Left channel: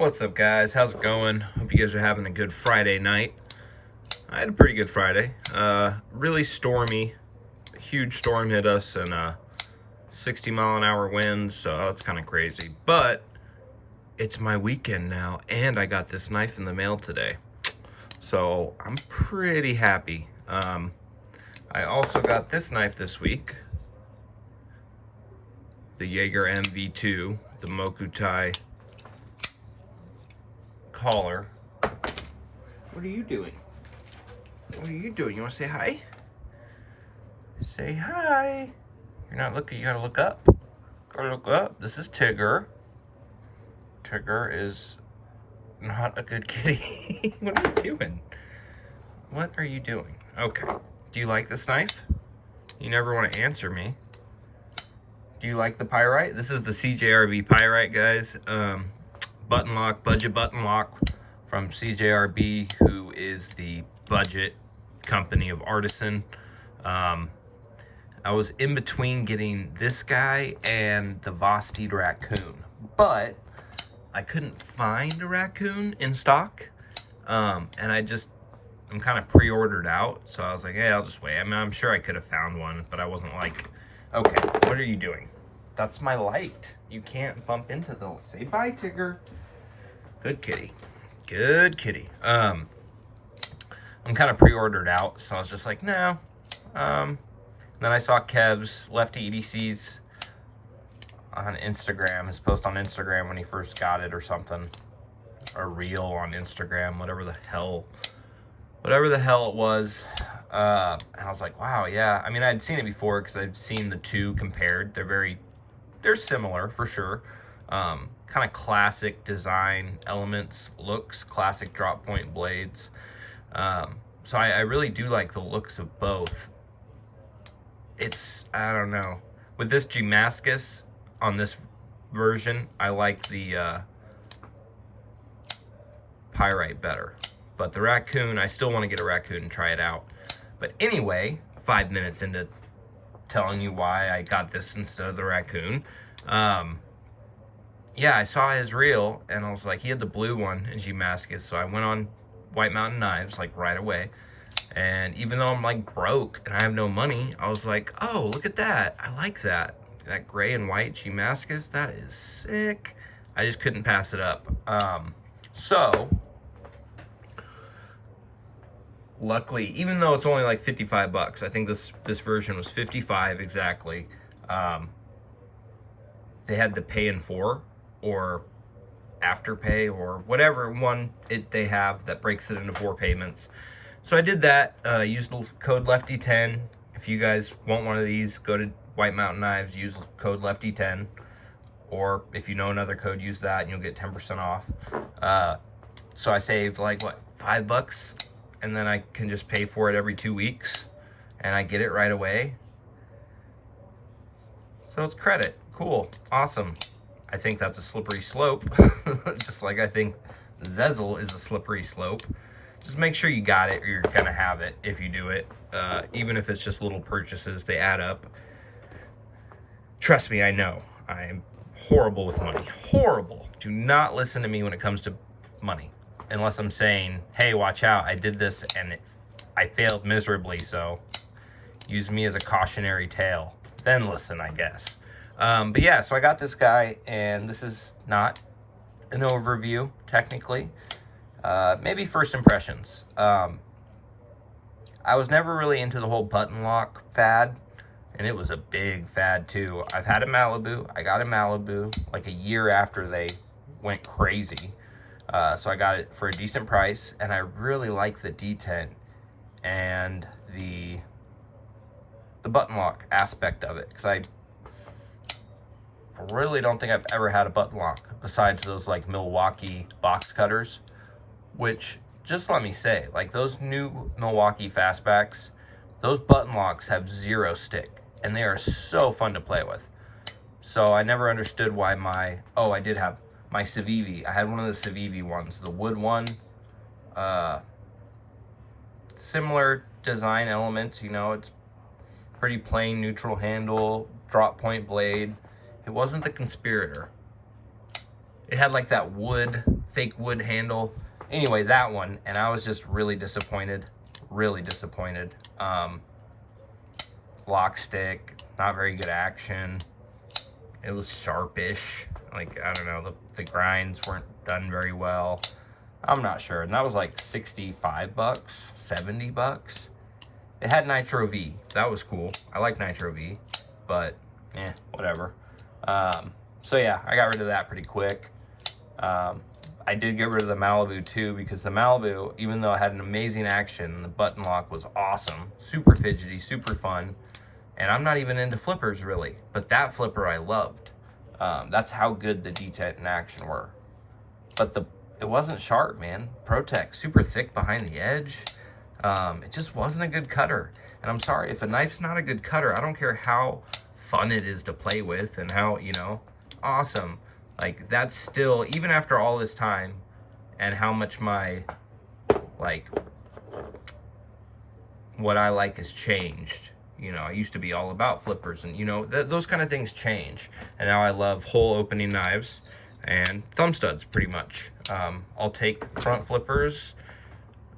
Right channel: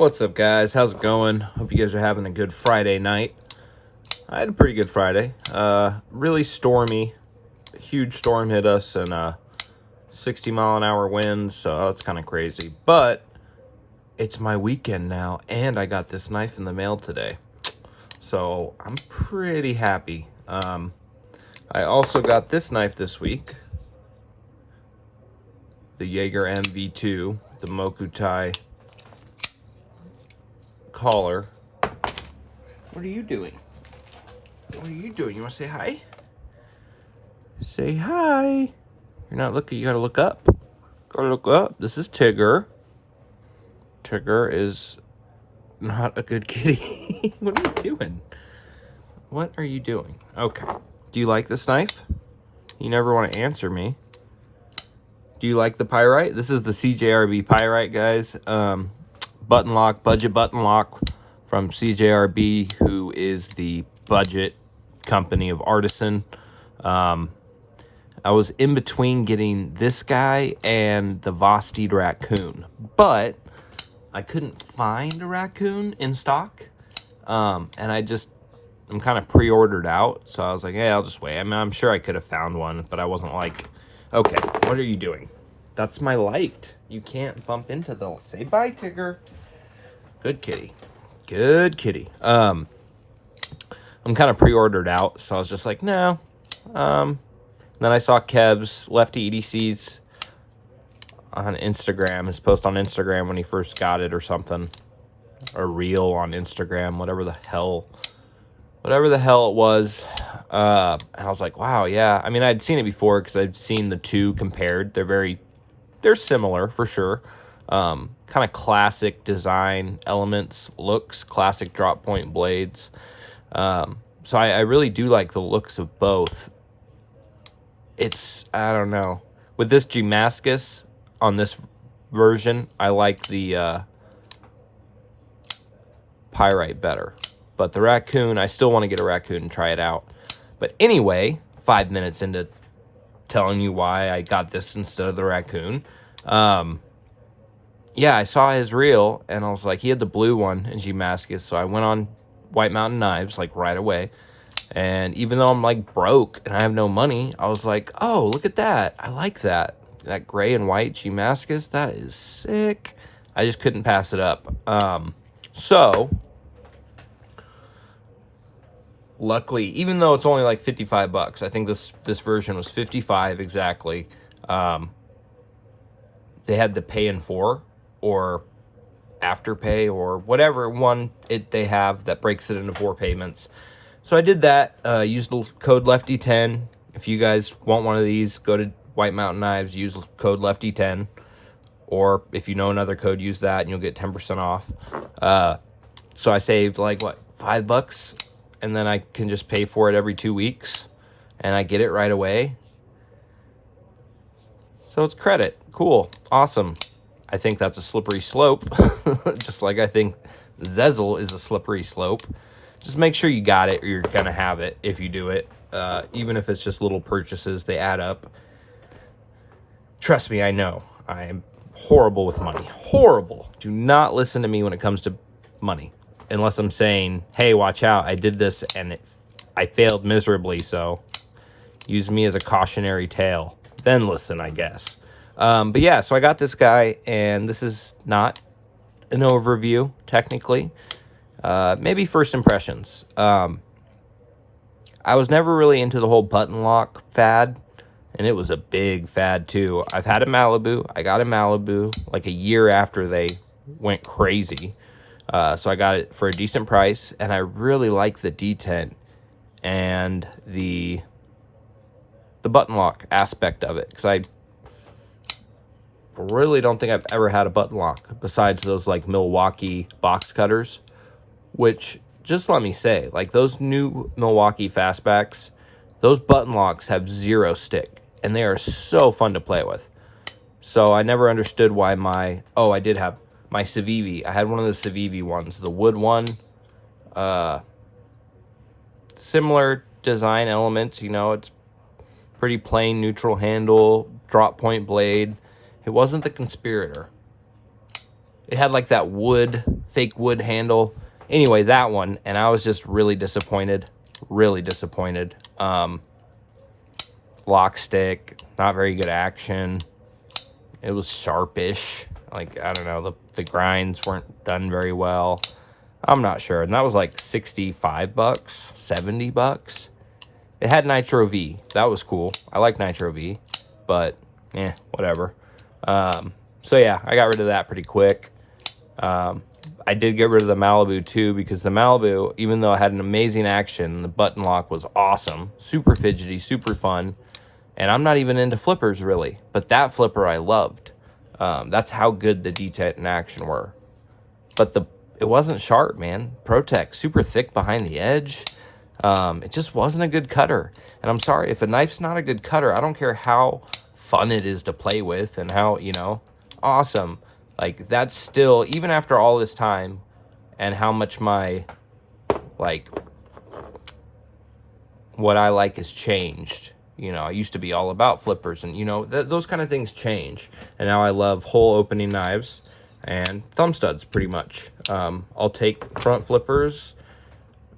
What's up, guys? How's it going? Hope you guys are having a good Friday night. I had a pretty good Friday. Really stormy. A huge storm hit us and 60-mile-an-hour winds, so that's kind of crazy. But it's my weekend now, and I got this knife in the mail today. So I'm pretty happy. I also got this knife this week. The Jaeger MV2, the Mokutai collar. What are you doing? What are you doing? You want to say hi? Say hi. You're not looking. You gotta look up. Gotta look up. This is Tigger. Tigger is not a good kitty. What are you doing? What are you doing? Okay. Do you like this knife? You never want to answer me. Do you like the Pyrite? This is the CJRB Pyrite, guys. Button lock, budget button lock from CJRB, who is the budget company of Artisan. I was in between getting this guy and the Vosteed raccoon, but I couldn't find a raccoon in stock. And I'm kind of pre-ordered out, so I was like, hey, I'll just wait. I mean, I'm sure I could have found one, but I wasn't like, okay, what are you doing? That's my light. You can't bump into the... Say bye, Tigger. Good kitty. Good kitty. I'm kind of pre-ordered out, so I was just like, no. Then I saw Kev's Lefty EDC's on Instagram, his post on Instagram when he first got it or something. Or reel on Instagram, whatever the hell it was. And I was like, wow, yeah. I mean, I'd seen it before because I'd seen the two compared. They're similar for sure. Kind of classic design elements, looks, classic drop point blades. So I really do like the looks of both. It's, I don't know. With this Damascus on this version, I like the Pyrite better. But the raccoon, I still want to get a raccoon and try it out. But anyway, 5 minutes into telling you why I got this instead of the raccoon. Yeah, I saw his reel, and I was like, he had the blue one in Damascus, so I went on White Mountain Knives, like, right away. And even though I'm, like, broke and I have no money, I was like, oh, look at that. I like that. That gray and white Damascus, that is sick. I just couldn't pass it up. So... luckily, even though it's only like 55 bucks, I think this version was 55 exactly. They had the pay in 4 or afterpay or whatever one they have that breaks it into 4 payments. So I did that. Used the code Lefty10. If you guys want one of these, go to White Mountain Knives. Use code Lefty10, or if you know another code, use that and you'll get 10% off. So I saved like what, $5. And then I can just pay for it every 2 weeks, and I get it right away. So it's credit. Cool. Awesome. I think that's a slippery slope, just like I think Zezel is a slippery slope. Just make sure you got it, or you're going to have it if you do it. Even if it's just little purchases, they add up. Trust me, I know. I am horrible with money. Horrible. Do not listen to me when it comes to money. Unless I'm saying, hey, watch out, I did this and I failed miserably, so use me as a cautionary tale. Then listen, I guess. But yeah, so I got this guy, and this is not an overview, technically. Maybe first impressions. I was never really into the whole button lock fad, and it was a big fad too. I've had a Malibu. I got a Malibu like a year after they went crazy. So I got it for a decent price, and I really like the detent and the button lock aspect of it, because I really don't think I've ever had a button lock besides those like Milwaukee box cutters, which, just let me say, like those new Milwaukee fastbacks, those button locks have 0 stick, and they are so fun to play with. So I never understood why I did have my Civivi. I had one of the Civivi ones, the wood one. Similar design elements, you know, it's pretty plain neutral handle, drop point blade. It wasn't the Conspirator. It had like that wood fake wood handle. Anyway, that one, and I was just really disappointed. Really disappointed. Lock stick, not very good action. It was sharpish. Like, I don't know, the grinds weren't done very well. I'm not sure. And that was like 65 bucks, 70 bucks. It had Nitro V. That was cool. I like Nitro V, but yeah, whatever. So yeah, I got rid of that pretty quick. I did get rid of the Malibu too, because the Malibu, even though it had an amazing action, the button lock was awesome, super fidgety, super fun. And I'm not even into flippers really, but that flipper I loved. That's how good the detent and action were. But it wasn't sharp, man. Protect, super thick behind the edge. It just wasn't a good cutter. And I'm sorry, if a knife's not a good cutter, I don't care how fun it is to play with and how, you know, awesome. Like, that's still, even after all this time and how much my, like, what I like has changed. You know, I used to be all about flippers and, you know, those kind of things change. And now I love hole opening knives and thumb studs pretty much. I'll take front flippers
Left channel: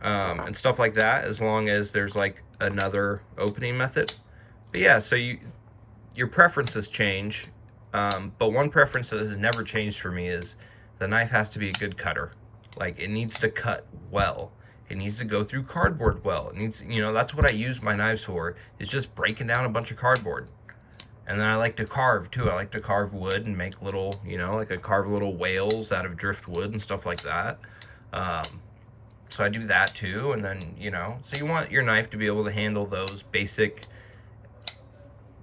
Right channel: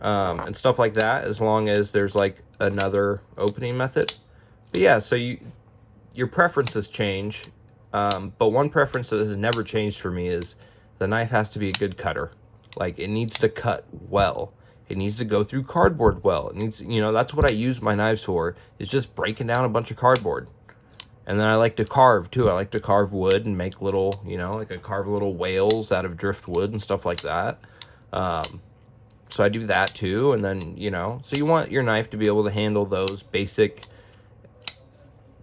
and stuff like that as long as there's like another opening method. But yeah, so your preferences change. But one preference that has never changed for me is the knife has to be a good cutter. Like, it needs to cut well. It needs to go through cardboard well. It needs, you know, that's what I use my knives for, is just breaking down a bunch of cardboard. And then I like to carve too. I like to carve wood and make little, you know, like I carve little whales out of driftwood and stuff like that. So I do that too. And then, you know, so you want your knife to be able to handle those basic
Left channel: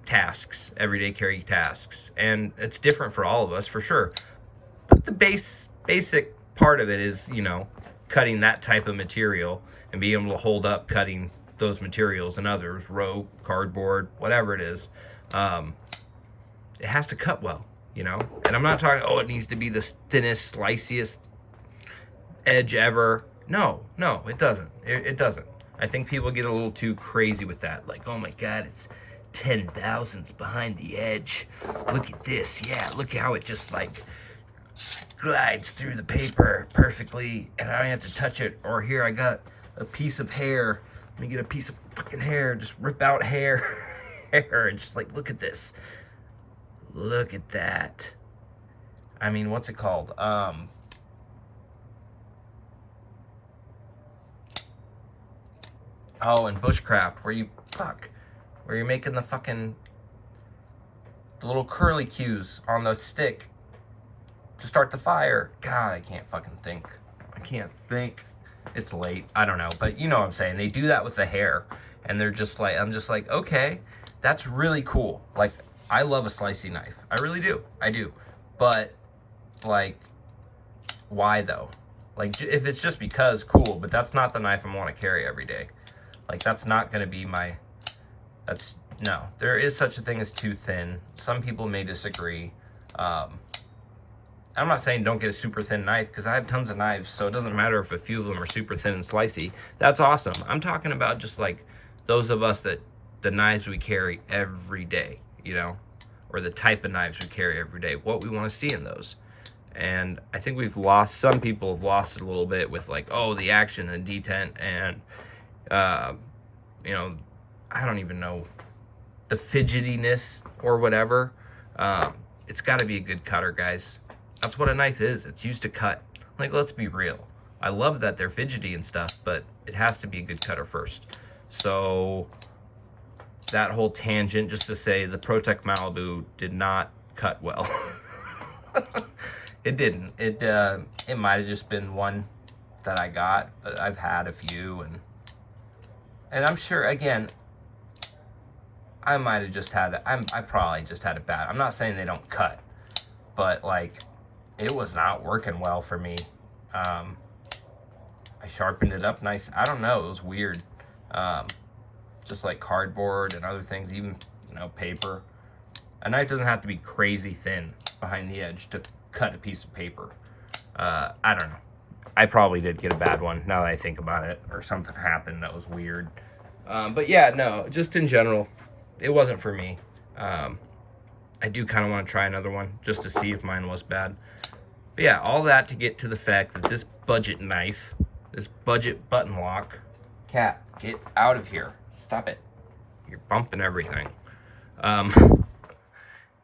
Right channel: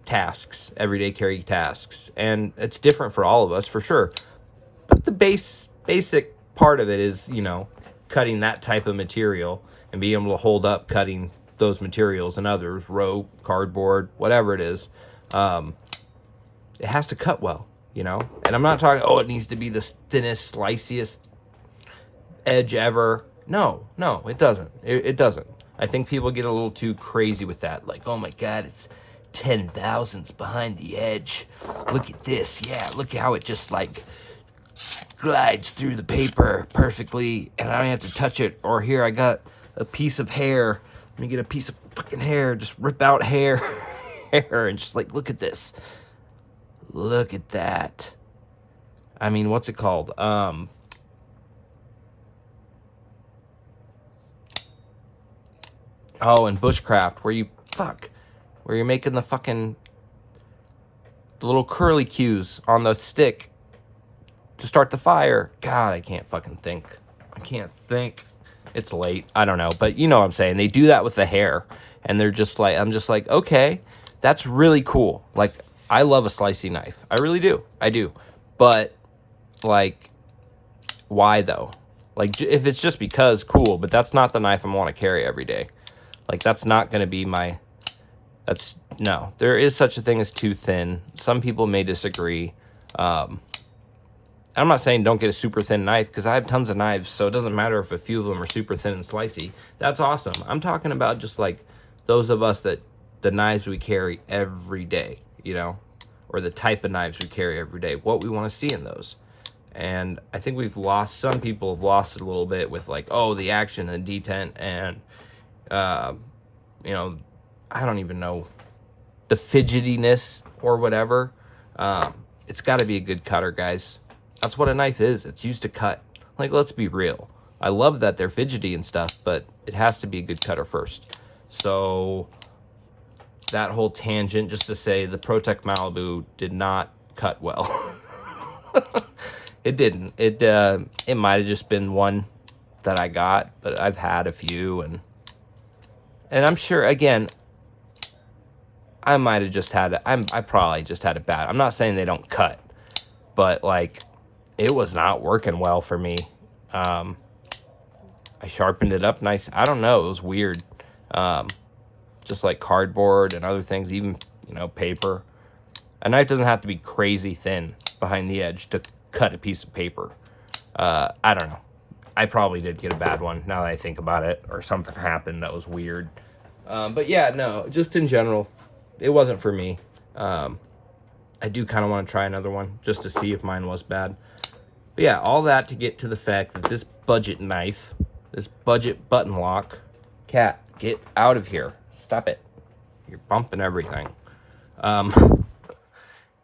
tasks, everyday carry tasks. And it's different for all of us, for sure. But the basic part of it is, you know, cutting that type of material and being able to hold up cutting those materials and others, rope, cardboard, whatever it is. It has to cut well, you know. And I'm not talking, oh, it needs to be the thinnest, sliciest edge ever. No, it doesn't. It doesn't. I think people get a little too crazy with that. Like, oh my God, it's 10 thousandths behind the edge. Look at this. Yeah, look how it just like glides through the paper perfectly and I don't have to touch it. Or here, I got a piece of hair. Let me get a piece of fucking hair. Just rip out hair. And just like, look at this. Look at that. I mean, what's it called? Oh, in bushcraft, where you're making the fucking little curly cues on the stick to start the fire. God, I can't fucking think. I can't think. It's late. I don't know, but you know what I'm saying. They do that with the hair, and they're just like, I'm just like, okay, that's really cool. Like, I love a slicey knife. I really do. I do. But, like, why though? Like, if it's just because, cool, but that's not the knife I want to carry every day. Like, that's not going to be my, no. There is such a thing as too thin. Some people may disagree. I'm not saying don't get a super thin knife, because I have tons of knives, so it doesn't matter if a few of them are super thin and slicey. That's awesome. I'm talking about just, like, those of us that, the knives we carry every day, you know, or the type of knives we carry every day, what we want to see in those. And I think some people have lost it a little bit with, like, oh, the action and detent and, you know, I don't even know, the fidgetiness or whatever. It's got to be a good cutter, guys. That's what a knife is. It's used to cut. Like, let's be real. I love that they're fidgety and stuff, but it has to be a good cutter first. So that whole tangent, just to say, the Protect Malibu did not cut well. It didn't. It might have just been one that I got, but I've had a few, and I'm sure, again, I might have just had I probably just had it bad. I'm not saying they don't cut, but like, it was not working well for me. I sharpened it up nice. I don't know, it was weird. Just like cardboard and other things, even, you know, paper. A knife doesn't have to be crazy thin behind the edge to cut a piece of paper. I don't know. I probably did get a bad one now that I think about it, or something happened that was weird. But yeah, no, just in general, it wasn't for me. I do kind of want to try another one just to see if mine was bad. But yeah, all that to get to the fact that this budget knife, this budget button lock, cat, get out of here. Stop it. You're bumping everything.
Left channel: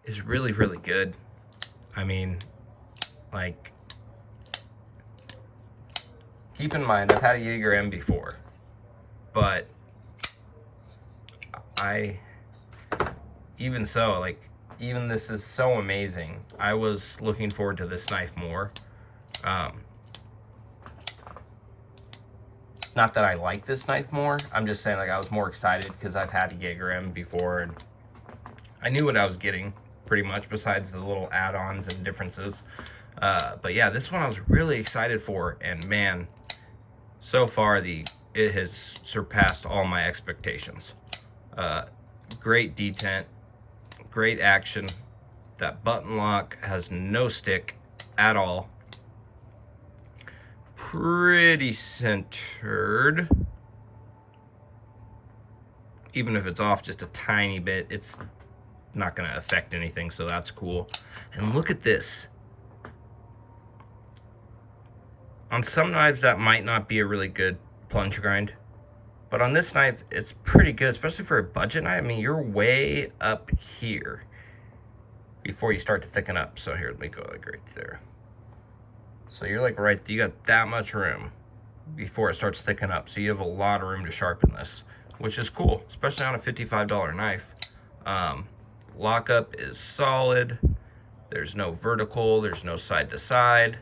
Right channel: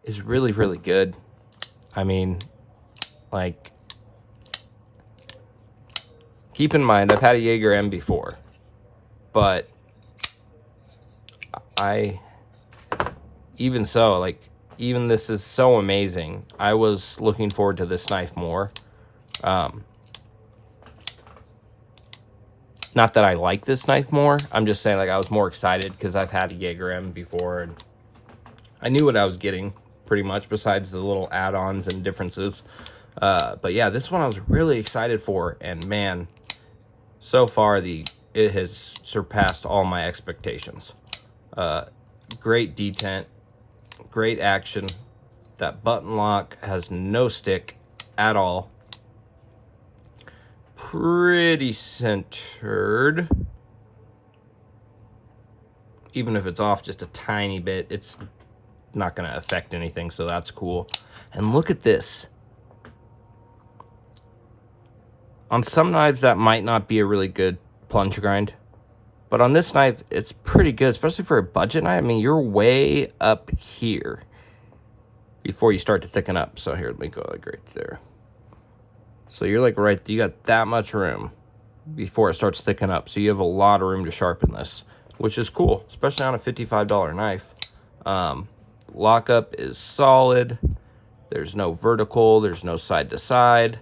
Is really, really good. I mean, like, keep in mind, I've had a Jaeger M before, but even so, like, even this is so amazing. I was looking forward to this knife more. Not that I like this knife more. I'm just saying, like, I was more excited because I've had a Jaeger M before, and I knew what I was getting, pretty much, besides the little add-ons and differences. But yeah, this one I was really excited for, and man, so far it has surpassed all my expectations. Great detent, great action. That button lock has no stick at all. Pretty centered. Even if it's off just a tiny bit, it's not going to affect anything, so that's cool. And look at this. On some knives, that might not be a really good plunge grind, but on this knife, it's pretty good, especially for a budget knife. I mean, you're way up here before you start to thicken up. So here, let me go like right there. So you're like right, you got that much room before it starts thickening up. So you have a lot of room to sharpen this, which is cool, especially on a $55 knife. Lockup is solid. There's no vertical, there's no side to side.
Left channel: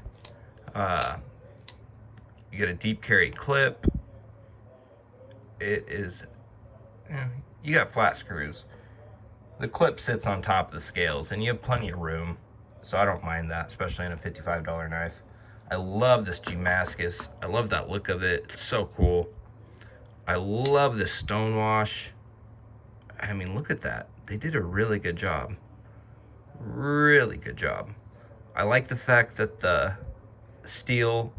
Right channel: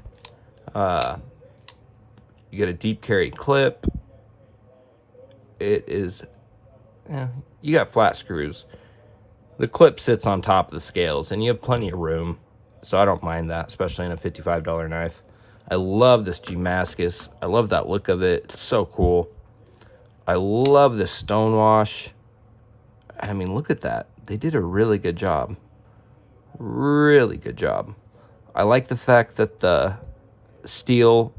You get a deep carry clip. It is, yeah, you got flat screws. The clip sits on top of the scales and you have plenty of room. So I don't mind that, especially in a $55 knife. I love this Damascus. I love that look of it. It's so cool. I love this stonewash. I mean, look at that. They did a really good job. Really good job. I like the fact that the steel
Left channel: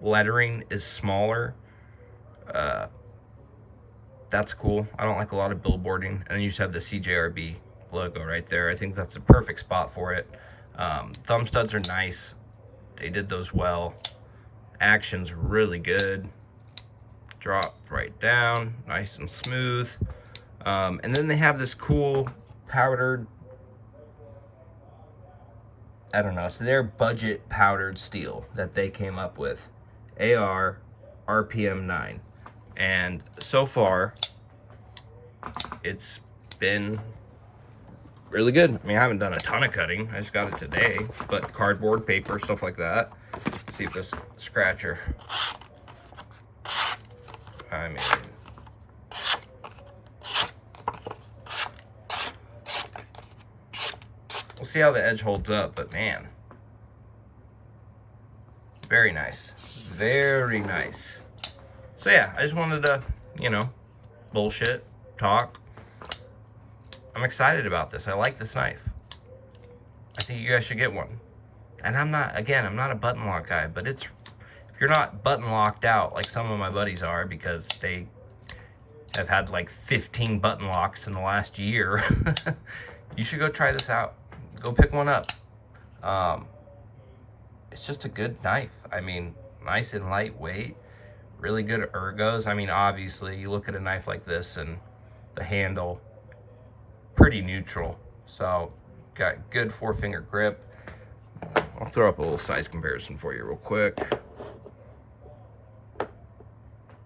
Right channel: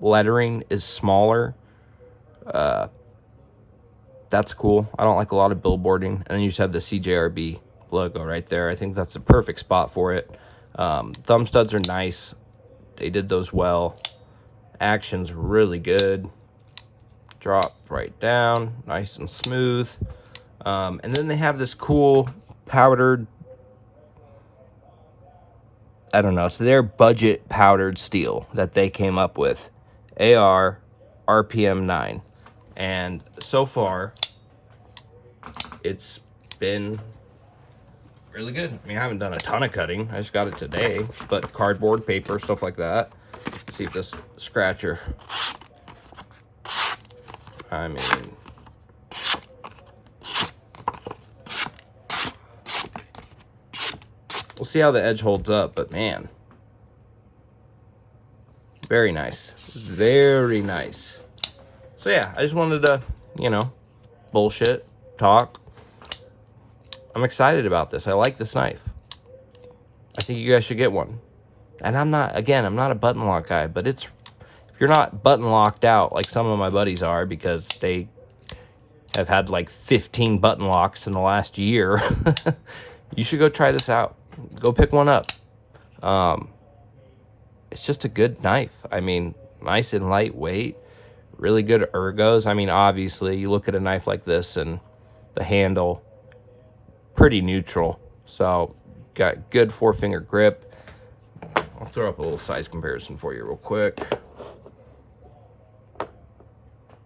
lettering is smaller. That's cool. I don't like a lot of billboarding. And then you just have the CJRB logo right there. I think that's the perfect spot for it. Thumb studs are nice. They did those well. Action's really good. Drop right down, nice and smooth. And then they have this cool powdered, I don't know, so they're budget powdered steel that they came up with. AR RPM 9. And so far, it's been really good. I mean, I haven't done a ton of cutting. I just got it today, but cardboard, paper, stuff like that. Let's see if this scratcher, I mean, we'll see how the edge holds up, but man, very nice. Very nice. So yeah, I just wanted to, you know, bullshit, talk. I'm excited about this. I like this knife. I think you guys should get one. And I'm not a button lock guy, but if you're not button locked out like some of my buddies are because they have had like 15 button locks in the last year, you should go try this out. Go pick one up. It's just a good knife. I mean, nice and lightweight, really good ergos. I mean, obviously, you look at a knife like this and the handle, pretty neutral. So, got good 4-finger grip. I'll throw up a little size comparison for you real quick.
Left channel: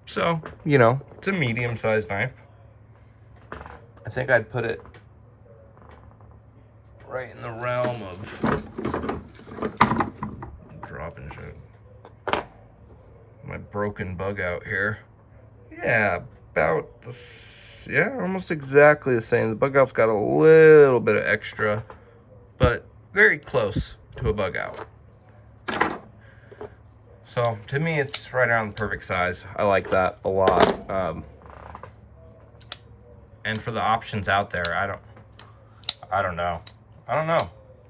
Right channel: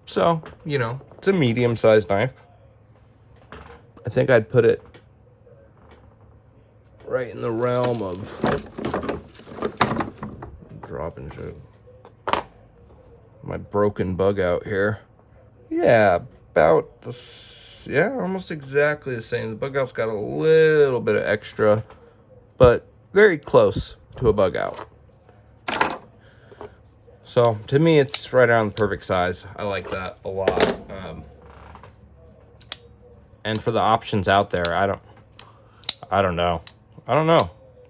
So, you know, it's a medium-sized knife. I think I'd put it right in the realm of dropping shit. My broken bug out here. Yeah, about almost exactly the same. The bug out's got a little bit of extra, but very close to a bug out. So to me, it's right around the perfect size. I like that a lot. And for the options out there, I don't know.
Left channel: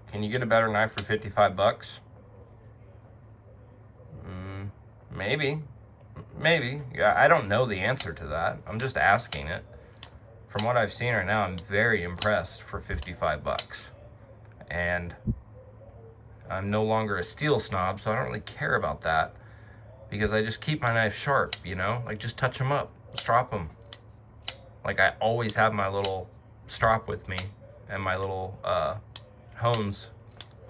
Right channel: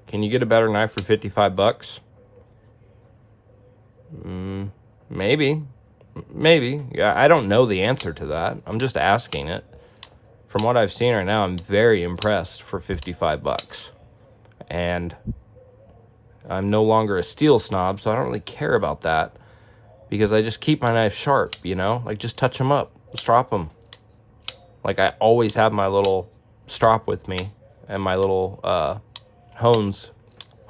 Can you get a better knife for 55 bucks? Maybe. Yeah, I don't know the answer to that. I'm just asking it. From what I've seen right now, I'm very impressed for 55 bucks. And I'm no longer a steel snob, so I don't really care about that. Because I just keep my knife sharp, you know? Like, just touch them up, strop them. Like, I always have my little strop with me. And my little, honers.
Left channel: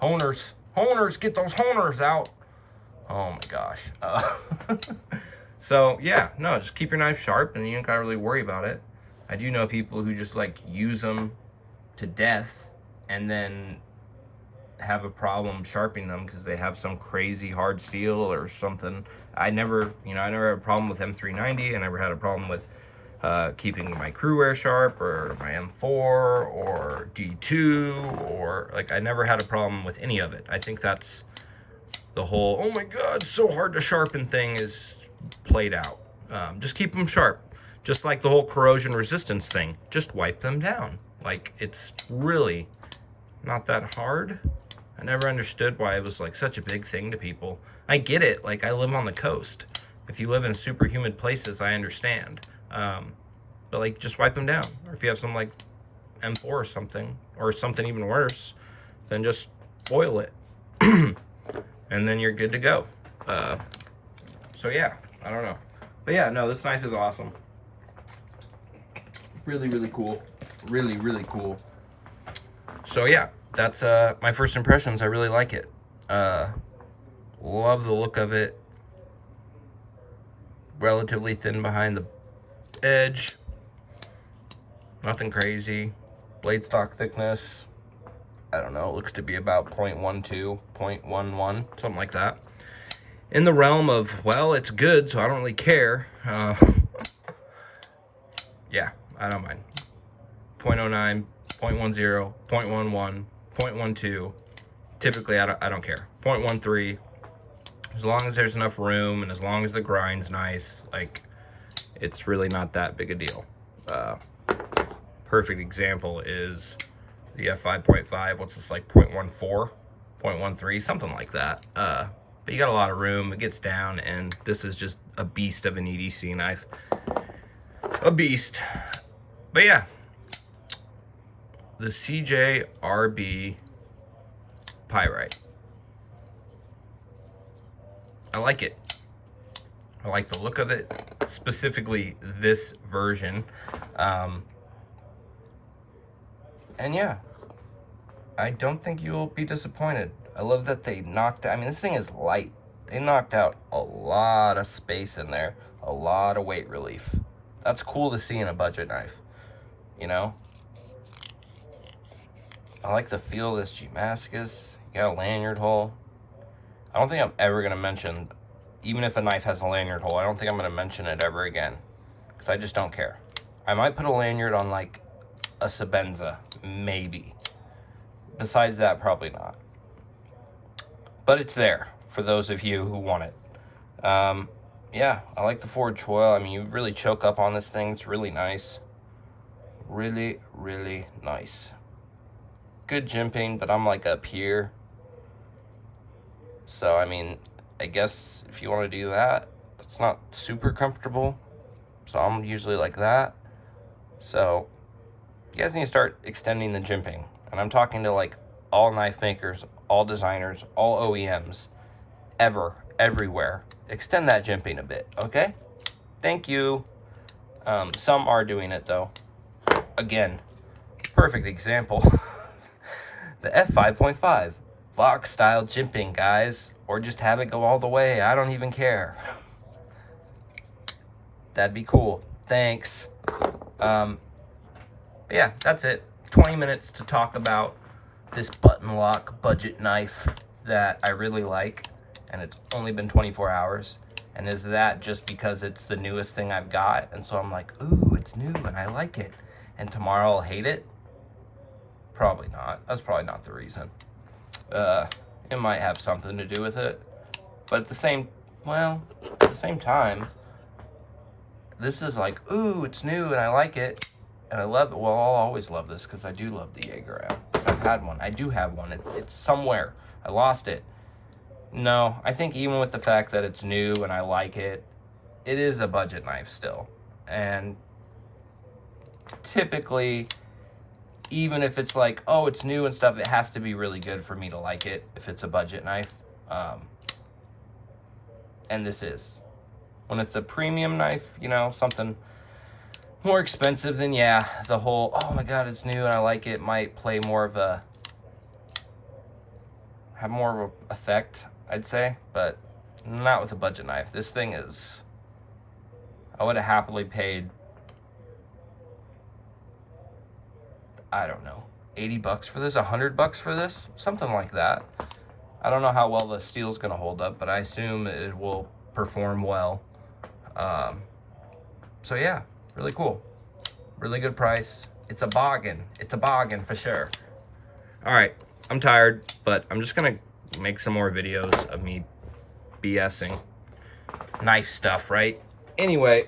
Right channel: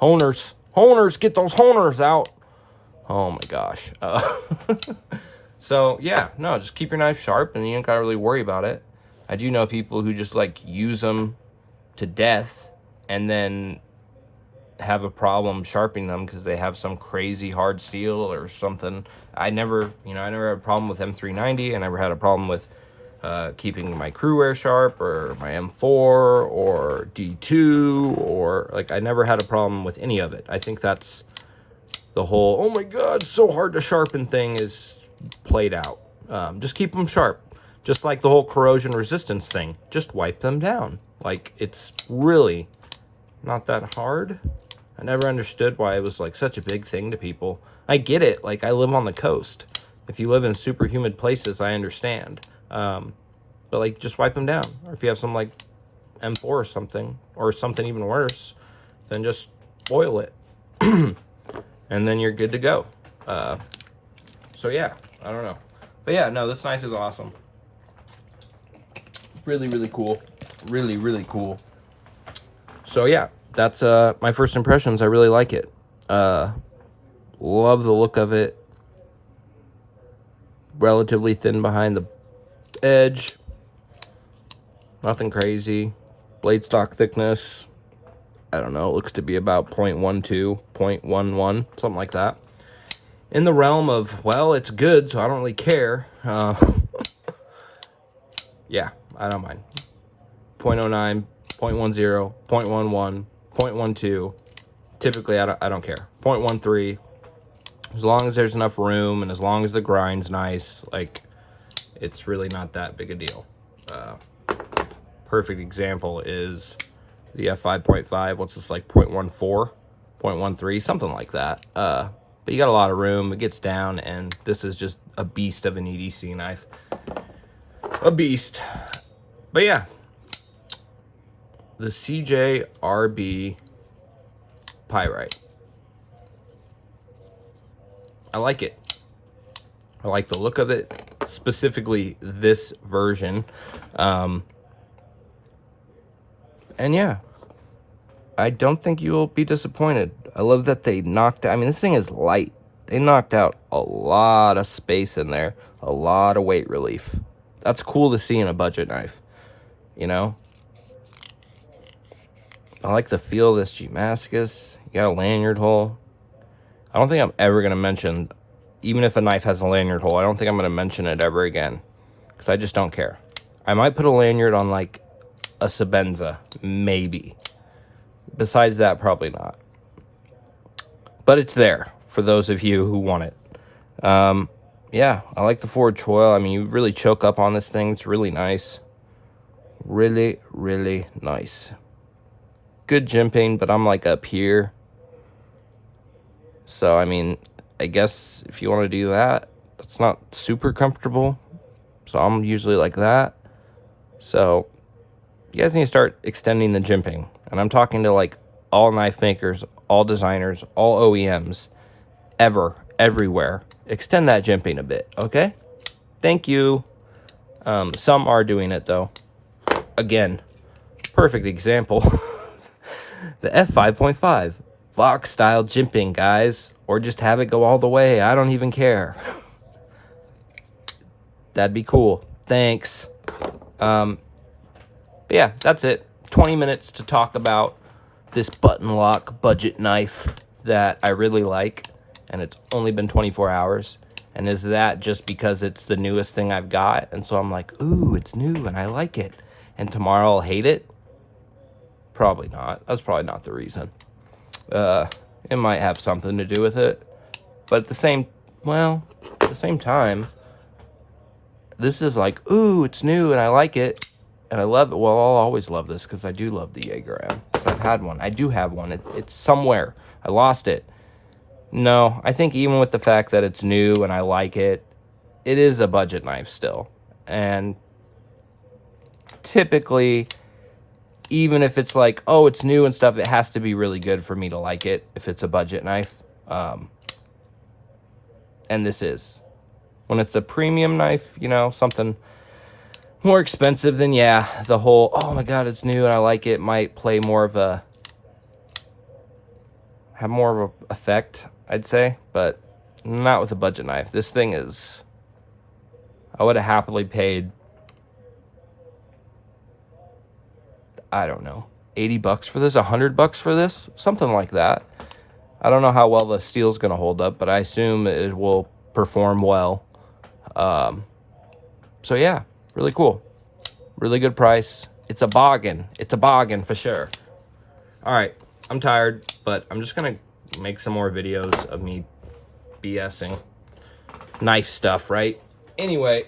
Honers, get those honers out. Oh my gosh. So, yeah, no, just keep your knife sharp and you ain't gotta really worry about it. I do know people who just, like, use them to death and then have a problem sharpening them because they have some crazy hard steel or something. I never had a problem with M390. I never had a problem with keeping my Crewwear sharp or my M4 or D2 or, like, I never had a problem with any of it. I think that's the whole, oh my god, it's so hard to sharpen thing is played out. Just keep them sharp. Just like the whole corrosion resistance thing. Just wipe them down. Like, it's really not that hard. I never understood why it was, like, such a big thing to people. I get it. Like, I live on the coast. If you live in super humid places, I understand. But, like, just wipe them down. Or if you have some, like, M4 or something even worse, then just oil it. And then you're good to go. So, yeah. I don't know. But, yeah, no, this knife is awesome. Really, really cool. Really, really cool. So, yeah. That's my first impressions. I really like it. Love the look of it. Relatively thin behind the edge. Nothing crazy. Blade stock thickness, I don't know, it looks to be about 0.12, 0.11, something like that. In the realm of, well, it's good, so I don't really care. Yeah, I don't mind. 0.09, 0.10, 0.11, 0.12. Typically, I don't care. 0.13. As long as there's enough room and as long as the grind's nice, like, it's really not that big a deal. Perfect example is the f5.5. What's this, like 0.14, 0.13, something like that. But you got a lot of room. It gets down, and this is just a beast of an EDC knife. A beast. But yeah, the CJRB Pyrite. I like it. I like the look of it, specifically this version. And yeah, I don't think you'll be disappointed. I love that they knocked out, I mean, this thing is light. They knocked out a lot of space in there, a lot of weight relief. That's cool to see in a budget knife, you know? I like the feel of this Damascus. You got a lanyard hole. I don't think I'm ever going to mention, even if a knife has a lanyard hole, I don't think I'm going to mention it ever again, because I just don't care. I might put a lanyard on, like, a Sebenza, maybe. Besides that, probably not. But it's there for those of you who want it. Yeah, I like the forward choil. I mean, you really choke up on this thing. It's really nice. Really, really nice. Good jimping, but I'm like up here. So, I mean, I guess if you want to do that, it's not super comfortable. So I'm usually like that. So you guys need to start extending the jimping. And I'm talking to, like, all knife makers, all designers, all OEMs, everywhere. Extend that jimping a bit, okay? Thank you. Some are doing it, though. Again, perfect example. The f5.5. Vox style jimping, guys. Or just have it go all the way. I don't even care. That'd be cool. Thanks. But yeah, that's it. 20 minutes to talk about this button lock budget knife that I really like, and it's only been 24 hours. And is that just because it's the newest thing I've got, and so I'm like, ooh, it's new and I like it, and tomorrow I'll hate it? Probably not. That's probably not the reason. It might have something to do with it, but at the same time, this is like, ooh, it's new and I like it. And I love it. Well, I'll always love this because I do love the Jaeger M. I've had one. I do have one. It's somewhere. I lost it. No, I think even with the fact that it's new and I like it, it is a budget knife still. And typically, even if it's like, oh, it's new and stuff, it has to be really good for me to like it if it's a budget knife. And this is. When it's a premium knife, you know, something more expensive, then yeah, the whole, oh my god, it's new and I like it, might play more of a, have more of an effect, I'd say, but not with a budget knife. This thing is, I would have happily paid, I don't know, 80 bucks for this, 100 bucks for this, something like that. I don't know how well the steel's gonna hold up, but I assume it will perform well. So yeah, really cool. Really good price. It's a bargain. It's a bargain for sure. All right, I'm tired, but I'm just gonna make some more videos of me BSing knife stuff, right? Anyway,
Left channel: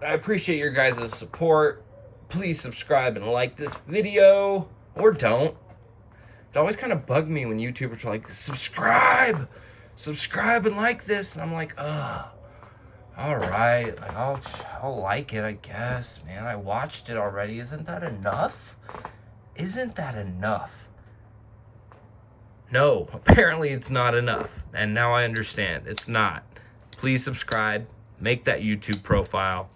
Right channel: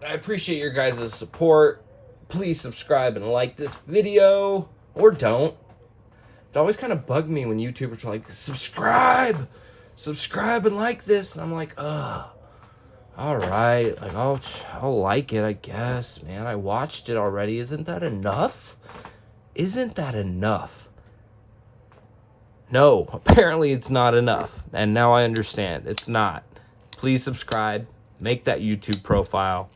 I appreciate your guys' support. Please subscribe and like this video, or don't. It always kind of bugged me when YouTubers are like, subscribe and like this. And I'm like, ugh. All right, like, I'll like it, I guess. Man, I watched it already. Isn't that enough? Isn't that enough? No, apparently it's not enough. And now I understand. It's not. Please subscribe. Make that YouTube profile.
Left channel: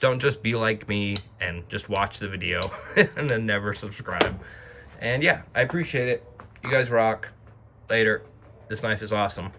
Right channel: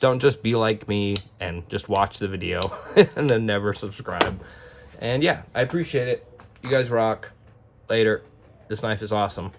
Don't just be like me and just watch the video and then never subscribe. And yeah, I appreciate it. You guys rock. Later. This knife is awesome.